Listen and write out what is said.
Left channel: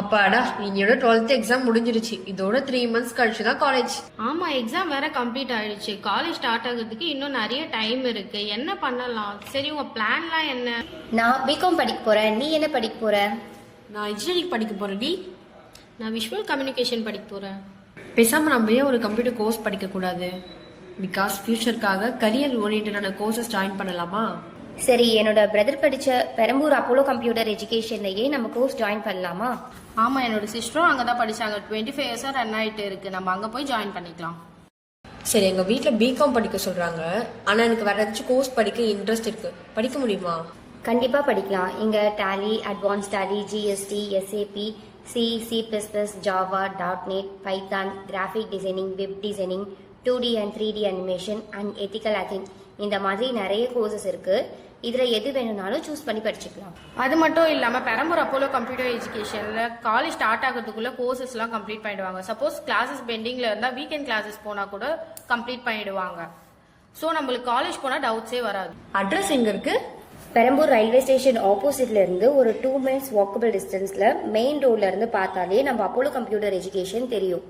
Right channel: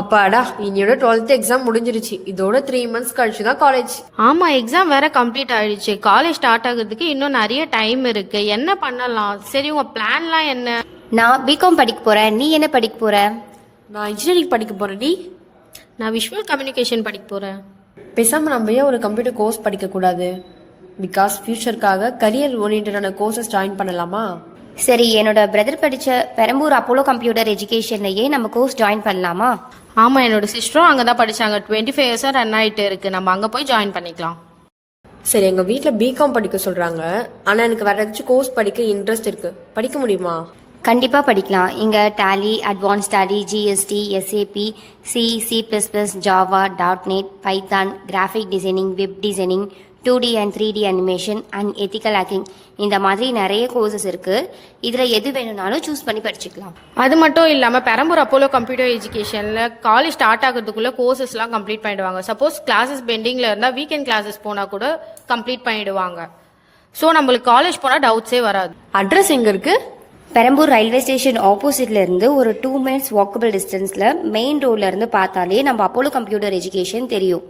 அப்பாடா இன்னையோட 12th exam முடிஞ்சிருச்சு. இதோட 3 months கழிச்சு தான் காலேஜ். ஆமா, எக்ஸாம் வேற கம்ப்ளீட் ஆயிடுச்சு. காலேஜ் ஸ்டார்ட் ஆகிறதுக்கு இன்னும் நிறைய டைம் இருக்கு. என்ன பண்ணலாம்? சரி, உங்க பிளான்லாம் என்ன? நான் பிகாம் படிக்க போறேன். நீ என்ன படிக்க போற? நான் இன்ஜினியரிங் படிக்க போறேன். நீ? நான் விஷுவல் கம்யூனிகேஷன் படிக்க போறேன். பேசாம நம்ம ஏன் ஒரு கம்ப்யூட்டர் கோர்ஸ் படிக்க கூடாது? பிகாஸ் ஃபியூச்சருக்காக கரியர் ஓரியன்டான கோர்சஸ் ஜாயின் பண்ணலாமா? சரி, என்னோட பிரதர் படிச்ச பெரம்பூர் அப்போலோ கம்ப்யூட்டர் எஜுகேஷன்லயே நம்ம கோர்ஸ் ஜாயின் பண்ணலாமா? ஆமா, என்னோட சிஸ்டரும் அங்கதான் படிச்சாங்க. 25 இயர்ஸா ரன் ஆயிட்டு இருக்கு. நம்ம அங்க போய் ஜாயின் பண்ணிக்கலாம். சரி, எங்க வீட்ல பிகாம் படிக்க சொல்றாங்க. ஆனா எனக்கு வேற ஏதாச்சும் கோர்ஸ் படிக்க இன்ட்ரெஸ்ட் இருக்கு. படிக்க முடியுமா? கண்டிப்பா படிக்கலாம். இங்க Tally, advance Tally, GST, SAP, C, சி++, Java, .NET, Python, graphic designing, web designing, 2D and 3D animation and ethical hacking, இந்த மாதிரி நிறைய கோர்சஸ் இருக்கு. இதுல எது வேணும்னாலும் சூஸ் பண்ணி படிச்சுக்கலாம். அது மட்டும் இல்லாம பெரம்பூர் அப்போலோ கம்ப்யூட்டர் எஜுகேஷன்ல காலேஜ் ஸ்டார்ட் ஆகிறதுக்குள்ள கோர்சஸ்லாம் கம்ப்ளீட் பண்ணிடுவாங்க. சப்போஸ் கிளாஸஸ் பெண்டிங்ல இருந்தா வீக்கெண்ட் கிளாஸஸ் போனா கூட கம்ப்ளீட் பண்ணிடுவாங்க. ஸோ நம்மளுக்கு காலேஜ் போனா டவுட்ஸே வராது. அட்ரஸ் எங்க இருக்கு? பெரம்பூர் ரயில்வே ஸ்டேஷன் ஆப்போசிட்ல இருந்து ஒரு 2 minutes வாக்கபிள் டிஸ்டன்ஸ்ல மெயின் ரோட்ல இருந்து பார்த்தாலே நம்ம அப்போலோ கம்ப்யூட்டர் எஜுகேஷன் தெரியும்.